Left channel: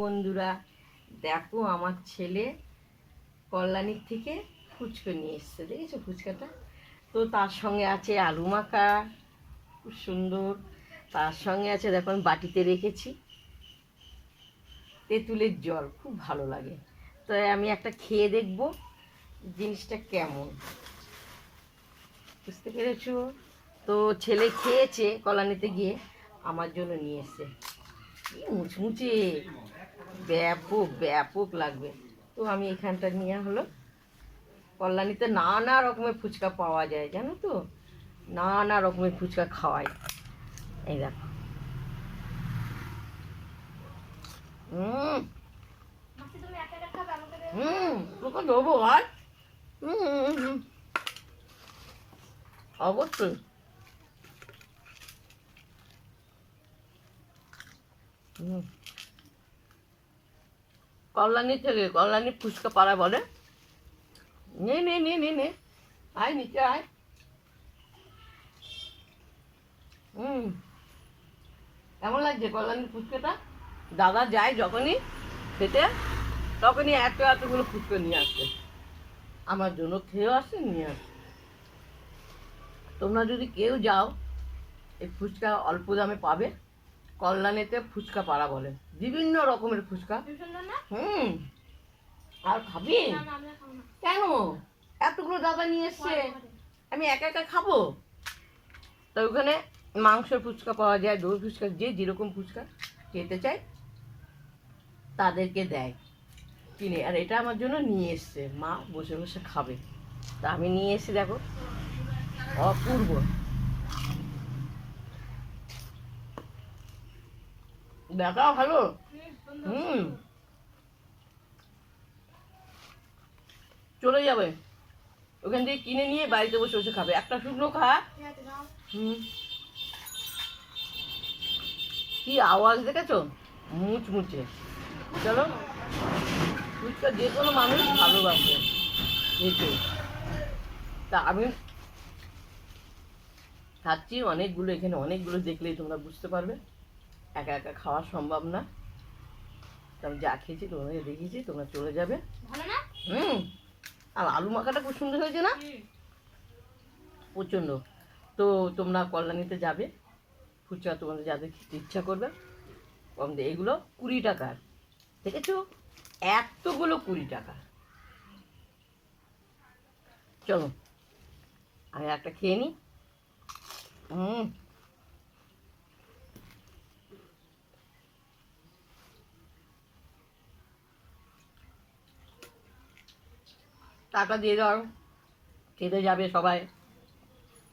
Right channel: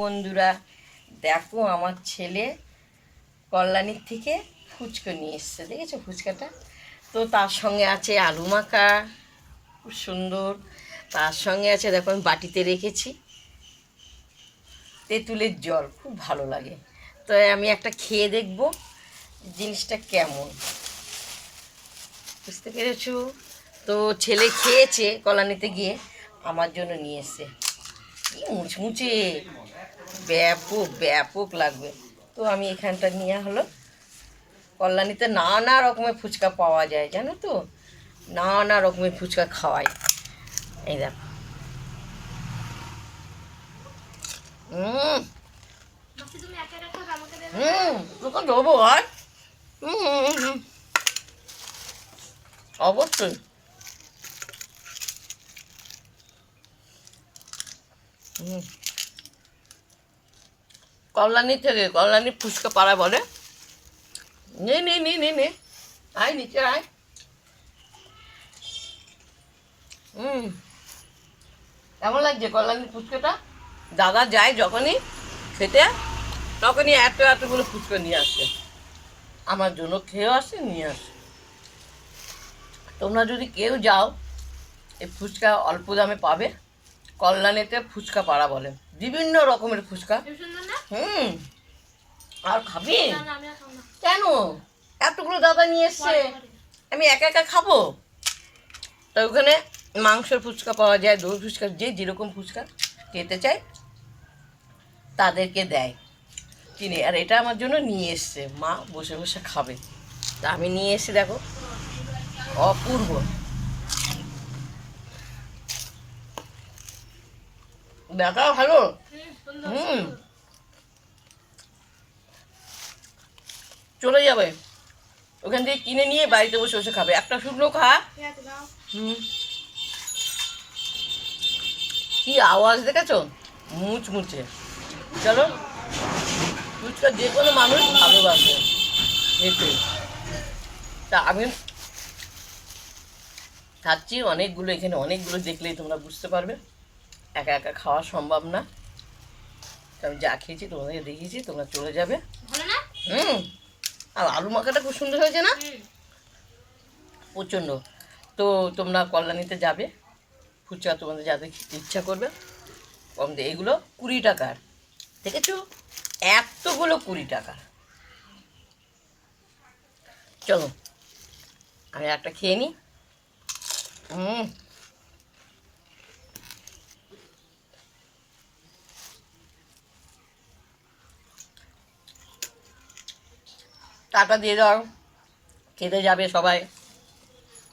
বন্ধুরা, দেখো আমার ছেলে কল্যাণীর থেকে ফুচকা নিয়ে এসছে, দেখেছো ফুচকাটা? তো তার সঙ্গে আছে আলু মাখা, খুব সুন্দর। তার সঙ্গে আছে, দেখো আমি বাটিতে রেখেছি তেঁতুলের জল, খুব ভালো লাগে। তো আমি একটা খেয়ে দেখব জিনিসটা কেমন, বুঝতে পেরেছো? তো ছেলে খেয়েছে কল্যাণীতে গিয়ে, আমার জন্য নিয়ে এসছে। কি মুচমুচে, ব্যাপক ব্যাপক লাগবে। তো আমি এখানটা নিয়ে হলো, কল্যাণীতে নানা রকমের ফুচকা পাওয়া যায় জানো তো, নানা রকমের ফুচকা খাওয়াই। এই দেখো, তোকে দেবো আর অবশ্যই। কল্যাণী থেকে, কল্যাণী ফুচকা পাড়া বলে। নে নে নে নে নে, আয় নিচে আয়। কেমন লাগছে কল্যাণীর ফুচকাটা? দাদা যায় যখনই খেতে, তখনই এত এতগুলো ফুচকা নিয়ে আসে, আমার জন্য খেয়েও আসে, নিয়ে আসে। তোমরা যদি কেউ যাও, এই ফুচকা অল্প দামে পাবে। কল্যাণীতে ফুচকা পাড়া বলে, বিভিন্ন রকমের ফুচকা। আর খাবি কেন? এতগুলো দাদা নিয়ে এসছে, আমি একা একা খাবো? তো ওখানে মাংসের ফুচকা পাওয়া যায়, দই ফুচকা, যে যেরকম ফুচকা খেতে চায় তাদেরকে দেয় কিনে। আর এটা আমার জন্য নিয়ে এসছে, মা বসে বসে খাবে, তা আমি নিয়ে এসে দেখো, অপূর্ব। দেখা ভালো। চলে যাবে ওখান থেকে কিনে নিয়ে বাড়িতে বসে বসে খাবে, একটা শুকনো খা। কি আওয়াজ দেখেছো, মুচমুচে। চলো, ফুচকা যে কোনো মানুষ ভালোবাসে খেতে। তা আমি খাচ্ছি অনেকগুলো, এখানে অনেকগুলো, দেখলেই তোমরা বুঝতে পারবে। একা একা খাওয়া সম্ভব না। আমি যা খেয়েছি তোমাদেরকে দেখিয়েছি, তোমরা চলে যাবে। আর আলু মাখাটা খুব সুন্দর হয়েছে না? প্রচণ্ড। তো তোমরা কল্যাণীতে যাবে, ফুচকা তোমাদের যাদের খেতে ইচ্ছা করবে, কম দিয়ে। এগুলো 20 টাকার, দেখেছো? এতগুলো 20 টাকা। চলো আমি একটা খেয়ে নিই। টাকা দিয়ে দাও, খেতে যাবে সবাই।